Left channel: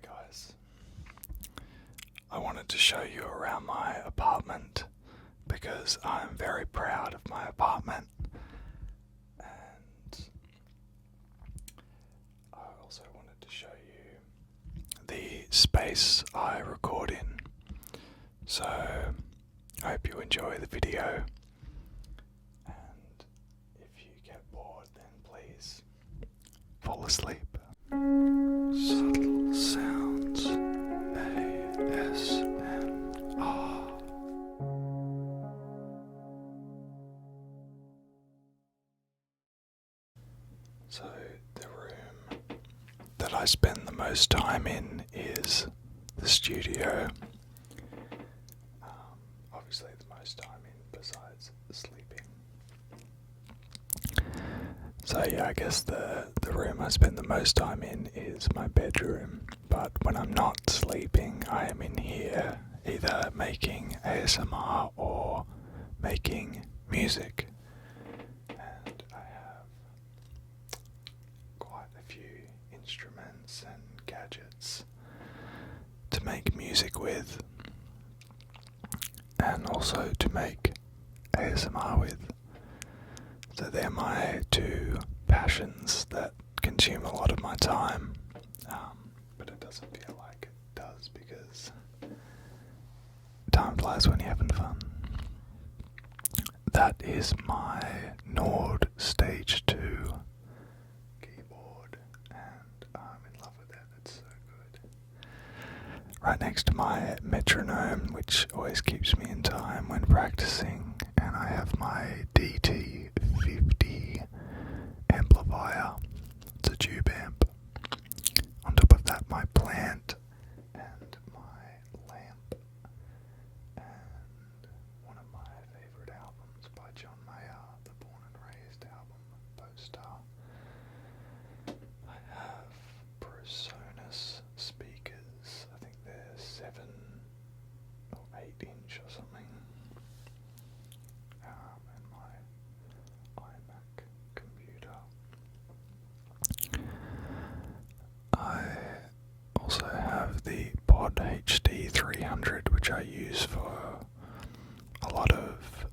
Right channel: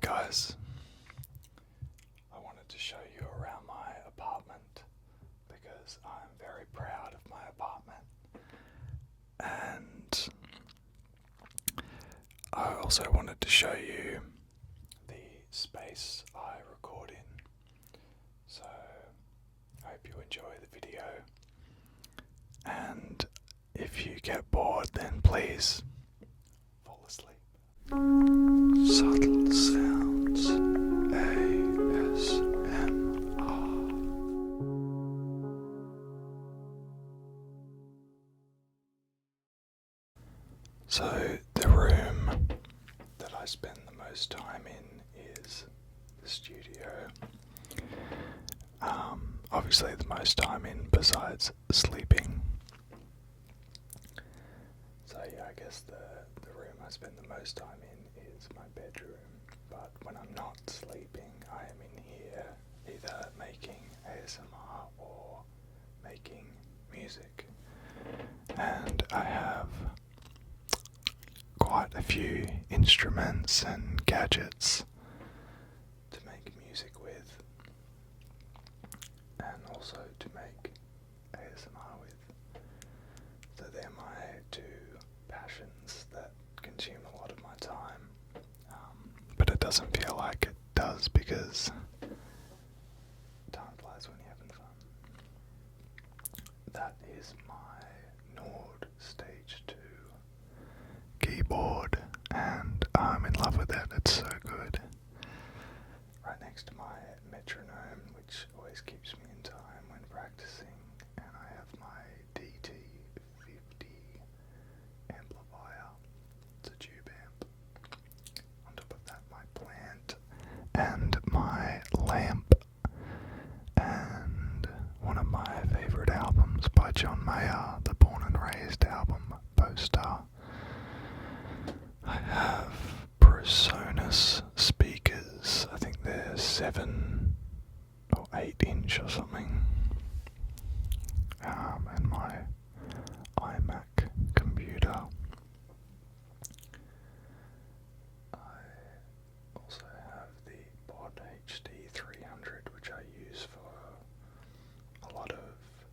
Hey guys, I wanted to show you around my apartment because I'm very proud of my apartment, and I also wanted to show you the space I record in. So I hope you enjoy the video, and if you get bored then please fall asleep. Subtle sounds, ASMR. So the room that I spend the most time in is the studio. Obviously the most time in besides sleeping. So yeah, I guess the room I spend the most time in is my bedroom, but when I'm not sleeping I am in here either making ASMR or making music, and I have quite a few instruments and gadgets to make music with and also to make ASMR with. So they're my two passions that consume a lot of my time, but it doesn't feel like it does because time flies when you're having fun. That is my Nord Stage 2 keyboard, and I'm in love with it. It's so good. Right next to my metronome, which always keeps me in time when practicing, and I have my DT50 amplifier. It's a tube amp. On top of that, my plant and my lamp, and one of my favourite albums by John Mayer, the Born and Raised album poster. I have PreSonus speakers. I think they're 7 or 8 inch or something. And my iMac computer. I also have the Pod HD 300, which I use for a lot of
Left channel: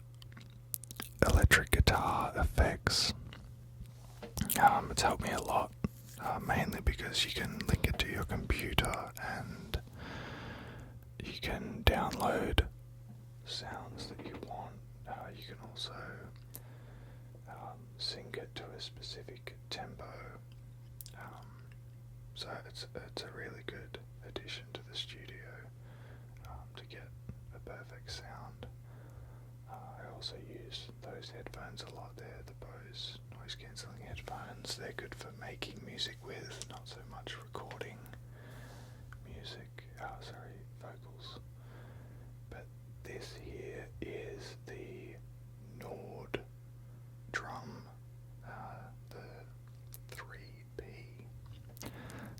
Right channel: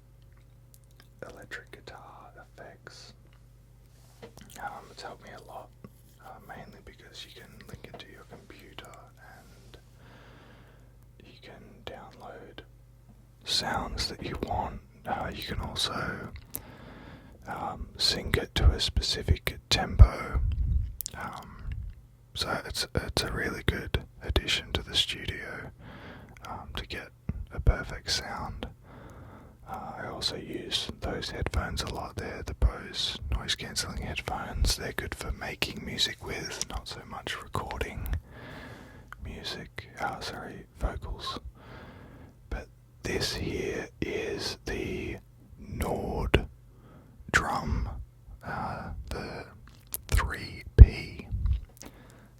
electric guitar effects. It's helped me a lot, mainly because you can link it to your computer and you can download sounds that you want. You can also sync it to a specific tempo. So it's a really good addition to the studio to get a perfect sound. I also use those headphones a lot. They're the Bose noise cancelling headphones. They're good for making music with, not so much recording vocals. But this here is the Nord drum, the 3P.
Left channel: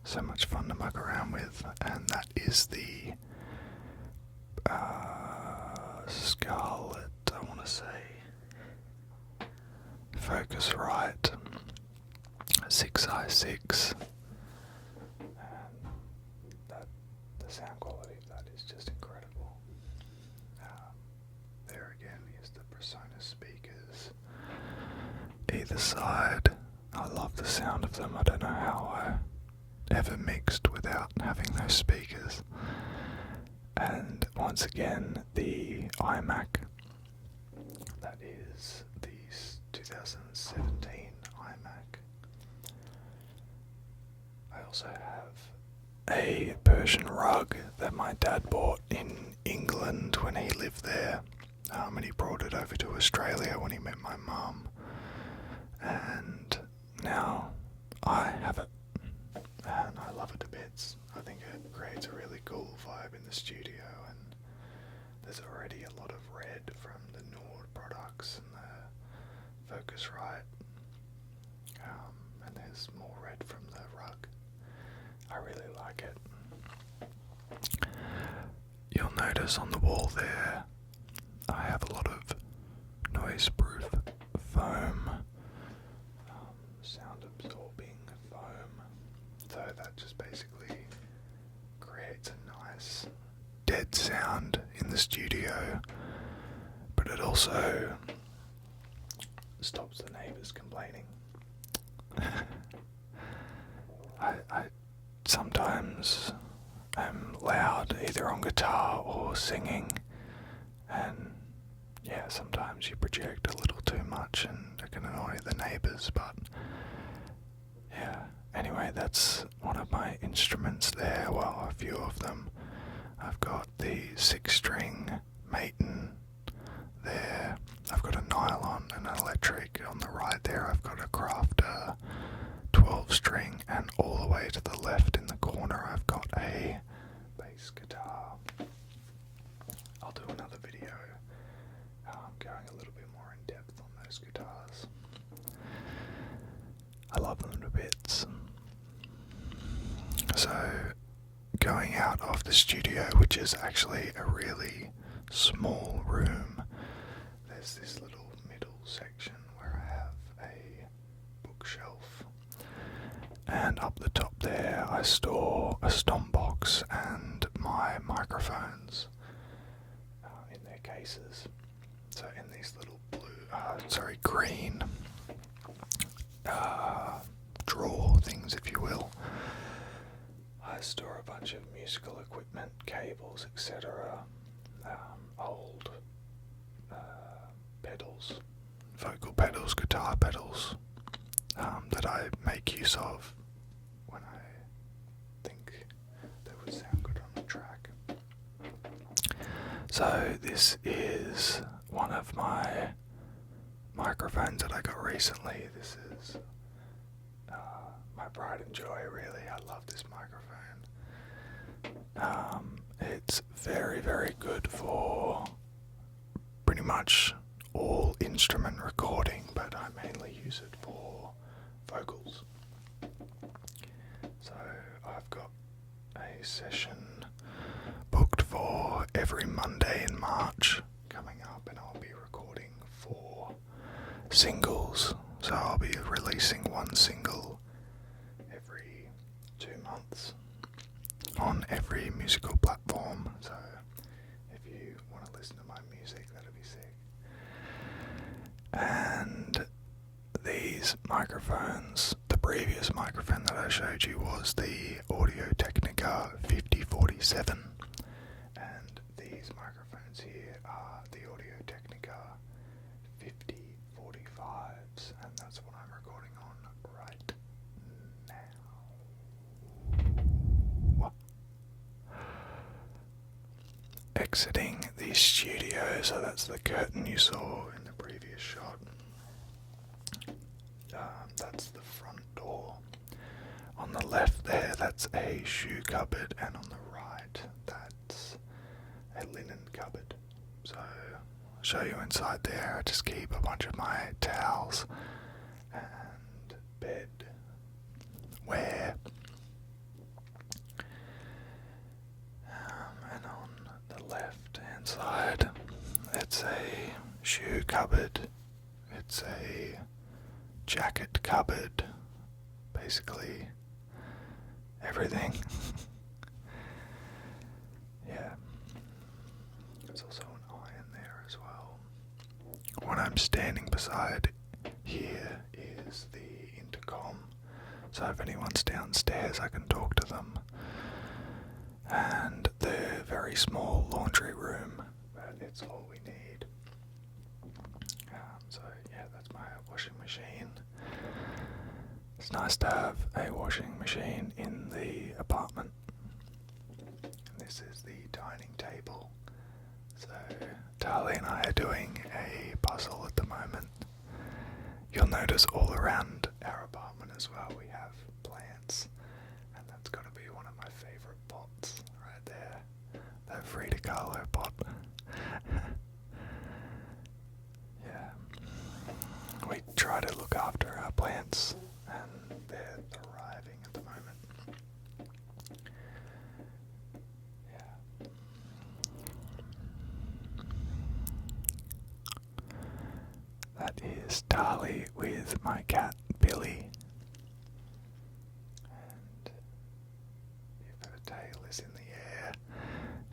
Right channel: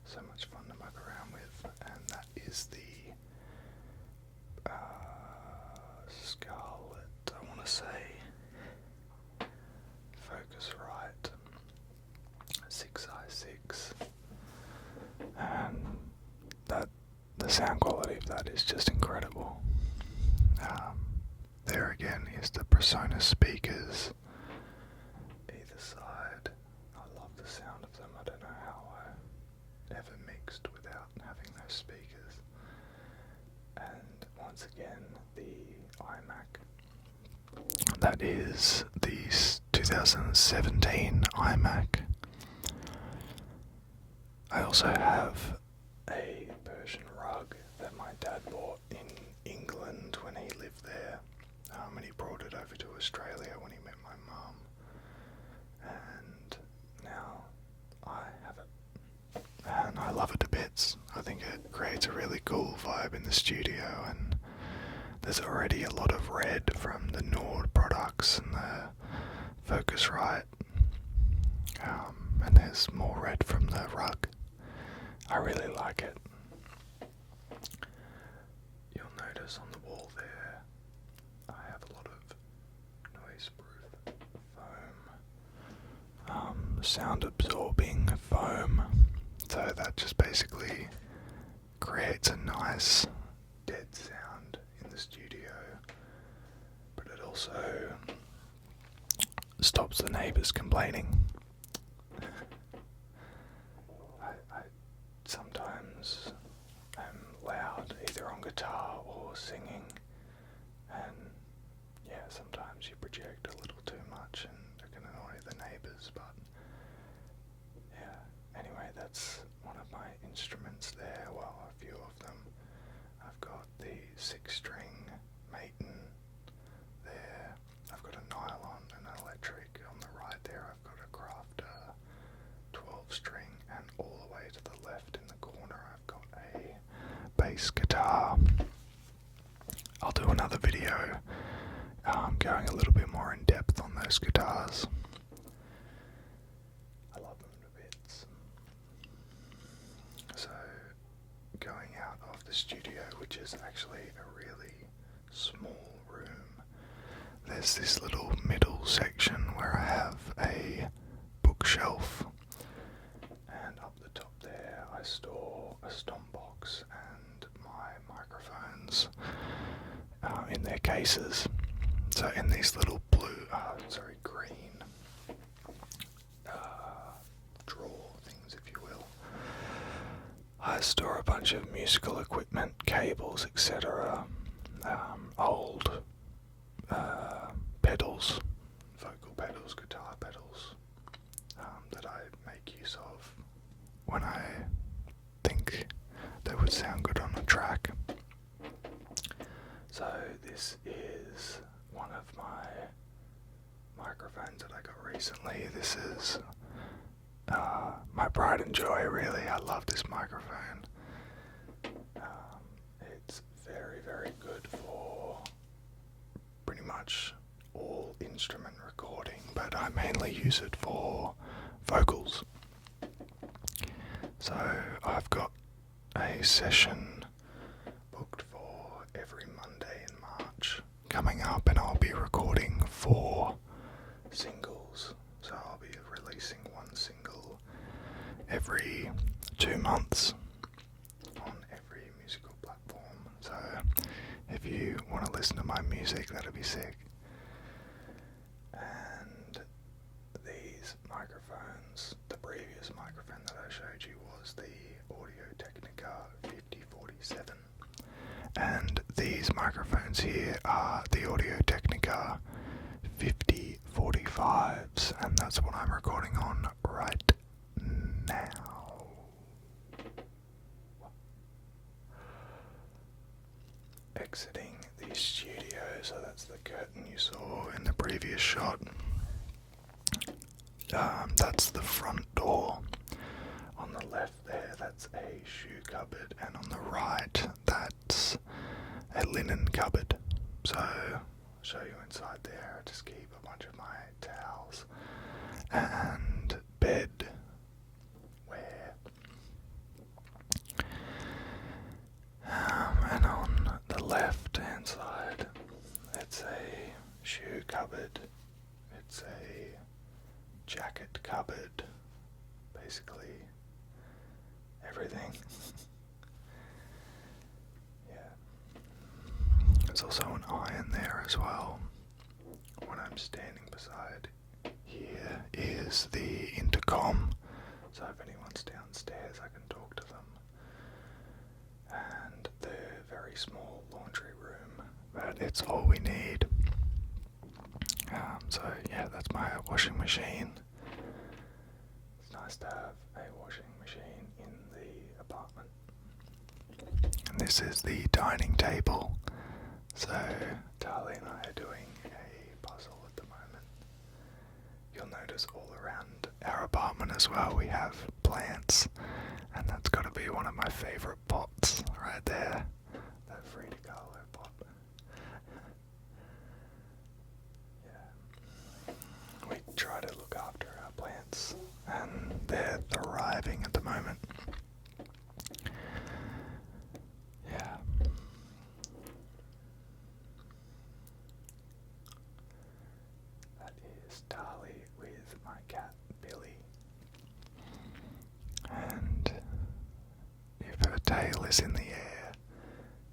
So much fun to muck around with, and that is the Scarlet, I want to say, Focusrite 6i6, and the sound quality of that is just incredible. There again is the PreSonus speakers either side. I love the sound of them. I don't know how I ever mixed without having those speakers. And once again, the iMac. That is the 2017 iMac. I also have a Persian rug that my dad bought in England when he lived there, and he brought it over to Australia when he met my mum, and now I have it, and I love it to bits. I think it creates a really cool vibe in the studio, and there's already a lot of red from the Nord products and the Focusrite, and there's more red from the rug. I really like it. You'll notice on the wall there I have a lot of noise-proof foam, sound-absorbing foam, so that just basically nice dead sound in the studio, but it also stops the neighbours complaining. I sometimes am loud either on guitar or singing, and yeah, sometimes you project a little too much and it can annoy the neighbours, but yeah. Anyway, that's one of my instruments there, well, a few of them. I've got the 6-string Maton there, I've got a nylon and an electric on the right there, I've got a Crafter 12-string, and all the way to the left in the corner I've got a bass guitar. I'll do another video going a little bit more in depth on those guitars. I love them to bits. So, going out of the studio, which is actually a really small room, there's this little middle section where I have a bookshelf, and up the top there I store a stomp box and my microphones in their cases. So in these little green drawer things, if you will, I store a bunch of musical equipment, cables, etc., old pedals, vocal pedals, guitar pedals, that I make use of when I think they would sound good on a track. So this is one of my microphones that I got recently. This is my pride and joy, really. I love this microphone. It's very, very good for pretty much all instrument recording, but I mainly use it for vocals. So I've got a session booked for every Monday in March coming up, and I'll be recording 4 singles. So I'll be releasing 1 single every 2 months on every musical platform. So if you want to listen to my music, that'll be sick. And these microphones, the previous microphone that I showed you was the Technica 5047, and these microphones here are the Technica 5045s, and that's what I'm recording on right now. Exiting the studio, so that's the curtain you saw in the previous shot. That's the front door. On the left there, that's a shoe cupboard, and on the right, that's a linen cupboard. So I'll show you inside there. I just keep a bunch of my towels and bed wear. And on the left hand side, it's a shoe cupboard, it's a jacket cupboard, basically everything. Yeah. There's also an iron there as well. What I'm standing beside here is the intercom, so if anyone's downstairs I can talk to them. And the very small laundry room, but it's all we need. So yeah, that's my washing machine. It's nice to have a washing machine in the apartment. And this is the dining table. So Tali and I are doing a puzzle at the moment. You'll notice all around our apartment as well we have plants, and that's got to be one of my favourite pots right there, that Frida Kahlo pot. Yeah, we try to look after our plants, and they're thriving at the moment. Yeah. That is Tali with my cat Billy, and if her tail is in the air,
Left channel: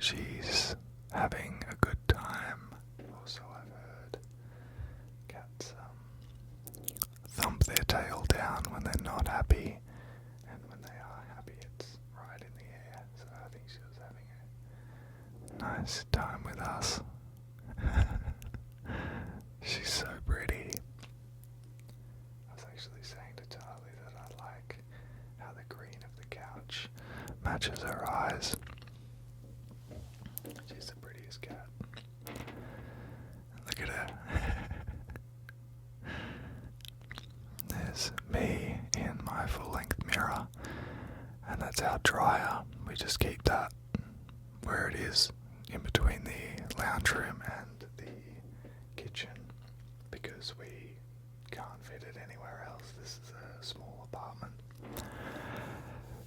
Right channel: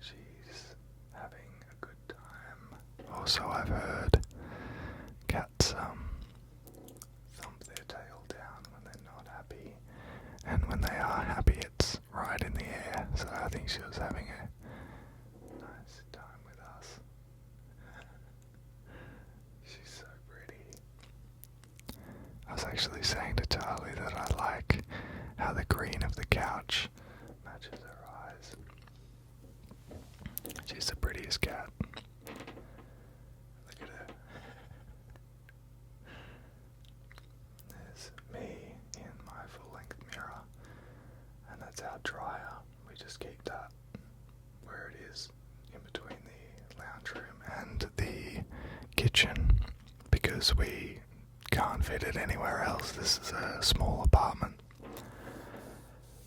she's having a good time. Also, I've heard cats thump their tail down when they're not happy, and when they are happy it's right in the air, so I think she was having a nice time with us. She's so pretty. I was actually saying to Charlie that I like how the green of the couch matches her eyes. She's the prettiest cat. Look at her. There's me in my full-length mirror, and that's our dryer. We just keep that where it is, in between the lounge room and the kitchen, because we can't fit it anywhere else. This is a small apartment.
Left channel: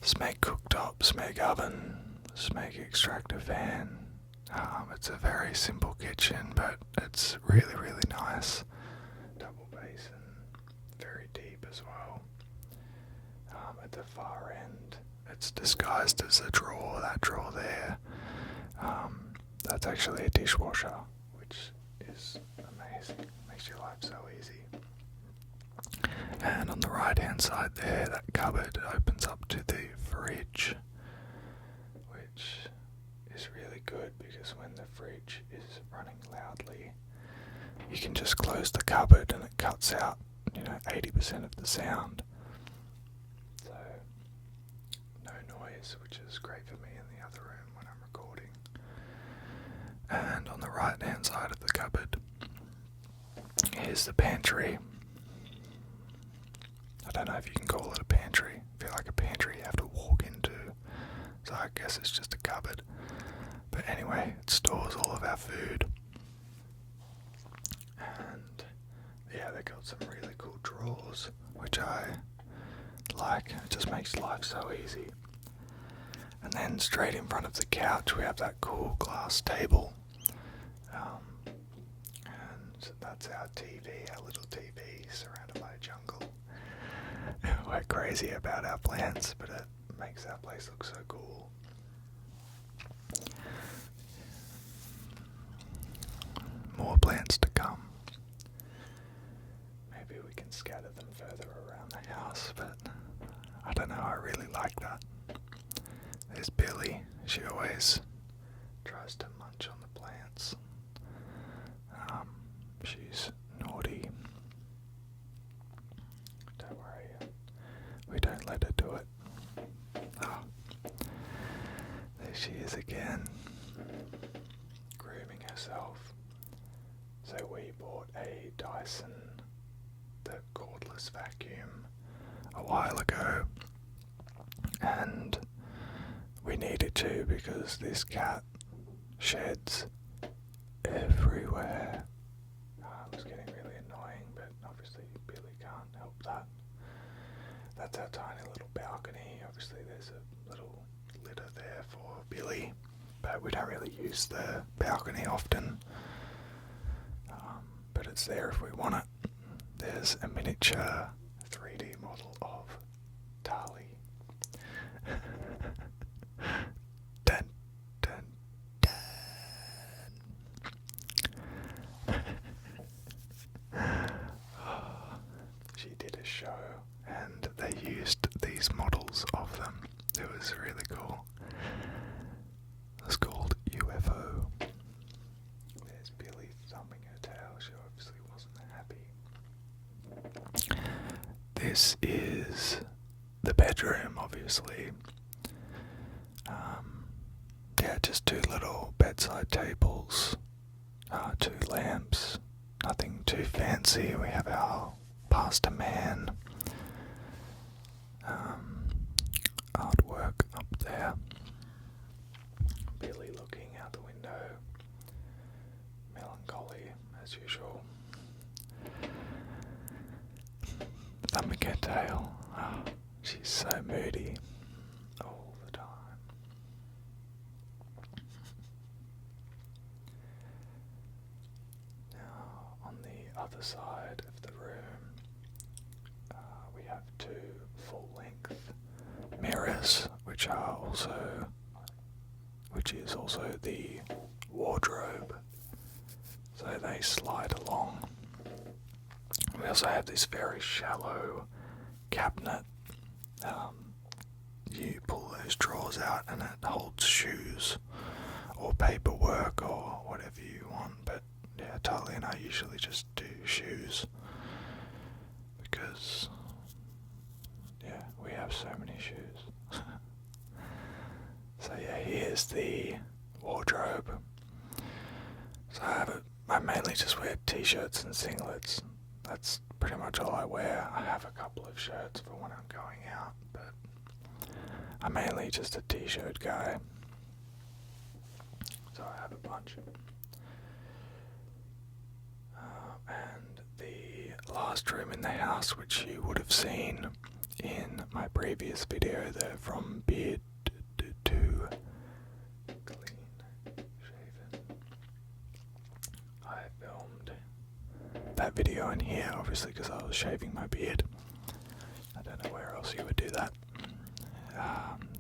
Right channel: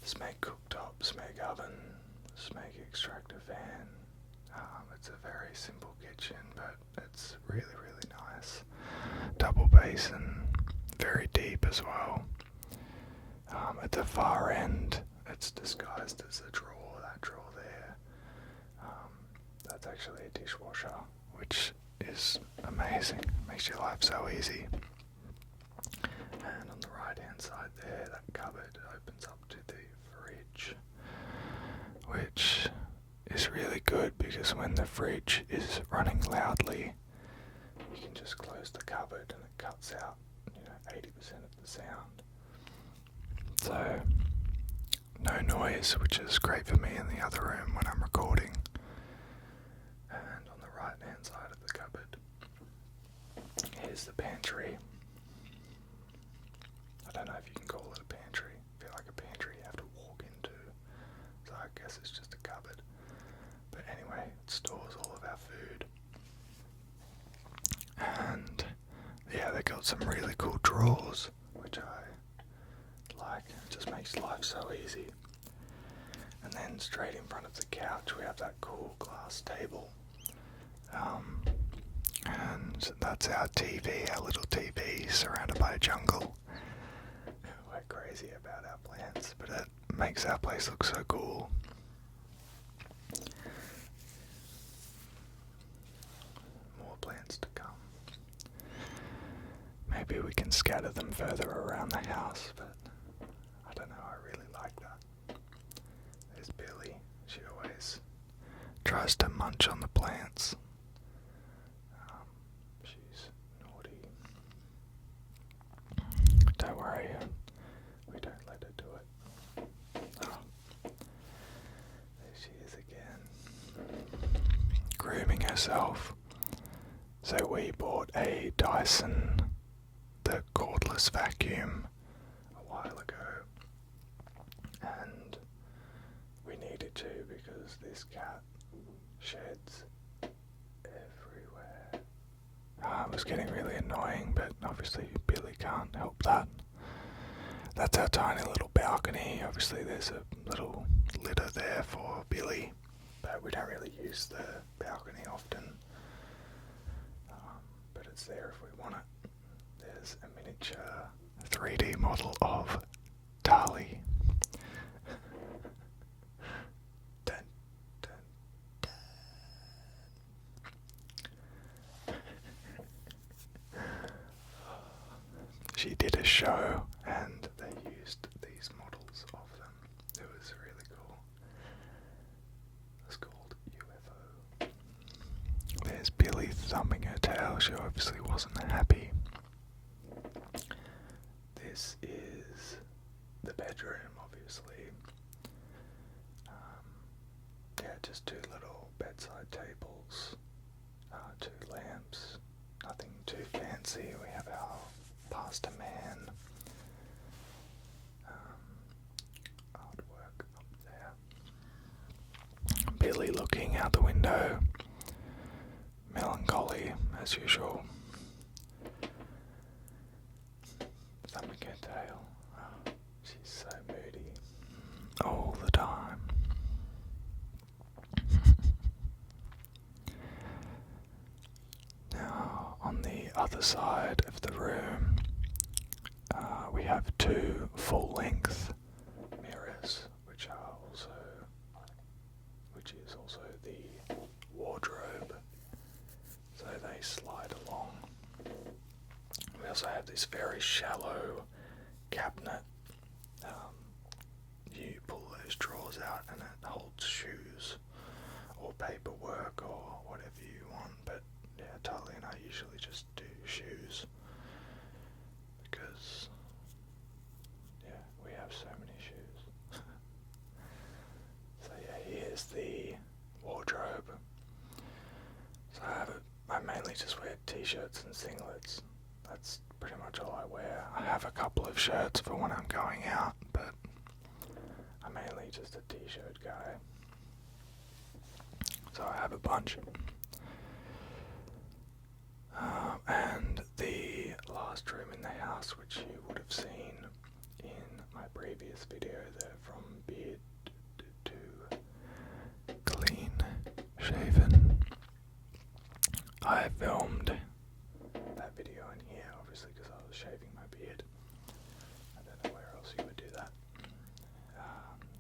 Smeg cooktop, Smeg oven, Smeg extractor fan. It's a very simple kitchen, but it's really, really nice. Double basin, very deep as well. At the far end, it's disguised as a drawer, that drawer there. That's actually a dishwasher, which is amazing. Makes your life so easy. And on the right hand side there, that cupboard opens up to the fridge, which is really good because when the fridge is running loudly, you can just close the cupboard and it cuts out 80% of the sound. So no noise, which is great for me in the other room when I'm recording. And on the right hand side of the cupboard, here's the pantry. I don't know if you can call it a pantry. I feel like a pantry you have to walk into, so I guess it's just a cupboard. But anyway, it stores all of our food. And yeah, they got some really cool drawers, which I like. It just makes life so easy. And then straight in front of the couch we have that cool glass table. And that's our TV, our little TV surrounded by a jungle. We're crazy about our plants, but it makes our place look so cool. More plants to come. Maybe we can scatter them further around the house, but I don't know, I really like that. There's Billy. She always tries to munch on the plants. She's naughty. Don't worry, we don't let her do it. There she is again, grooming herself. So we bought a Dyson, the cordless vacuum, a while ago, and we needed to because this cat sheds everywhere. It was getting really annoying, but obviously Billy can't help that. That's our tiny little balcony. Obviously there's a little litter there for Billy, but we don't really use the balcony often. But it's there if we want it. There's a miniature 3D model of Tali. Dun, dun, dun. She did a show and they used these models of them. It was really cool. It was called UFO. There's Billy thumbing her tail. She obviously wasn't happy. This is the bedroom, obviously. Yeah, just two little bedside tables, 2 lamps, nothing too fancy. We have our pasta man, artwork up there. Billy looking out the window, melancholy as usual. Thumbing her tail. She's so moody all the time. Now, on the other side of the room, we have 2 full-length mirrors, which which is also the wardrobe, so they slide along. We also have this very shallow cabinet. You pull those drawers out and it holds shoes or paperwork or whatever you want, but yeah, Tali and I usually just do shoes because yeah, we have so many shoes. So yeah, here's the wardrobe. So I mainly just wear t-shirts and singlets. That's pretty much all I wear. I have a couple of shirts for when I'm going out, but I'm mainly just a t-shirt guy. So I have a bunch. And the last room in the house, which you would have seen in my previous video there, from beard to clean shaven, I filmed that video in here, obviously, because I was shaving my beard. I don't know where else you would do that.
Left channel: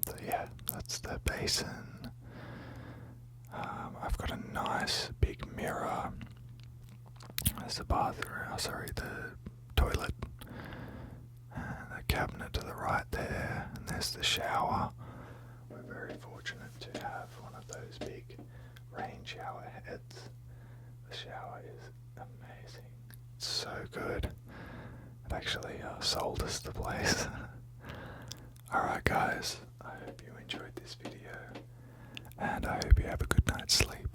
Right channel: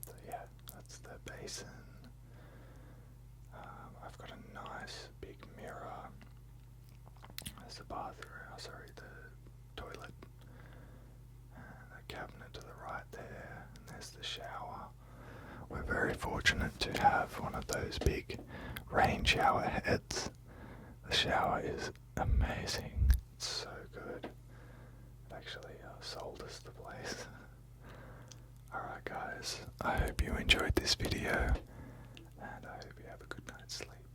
So yeah, that's the basin. I've got a nice big mirror. There's the bathroom, the toilet. And the cabinet to the right there, and there's the shower. We're very fortunate to have one of those big rain shower heads. The shower is amazing. It's so good. It actually sold us the place. Alright guys, I hope you enjoyed this video, and I hope you have a good night's sleep.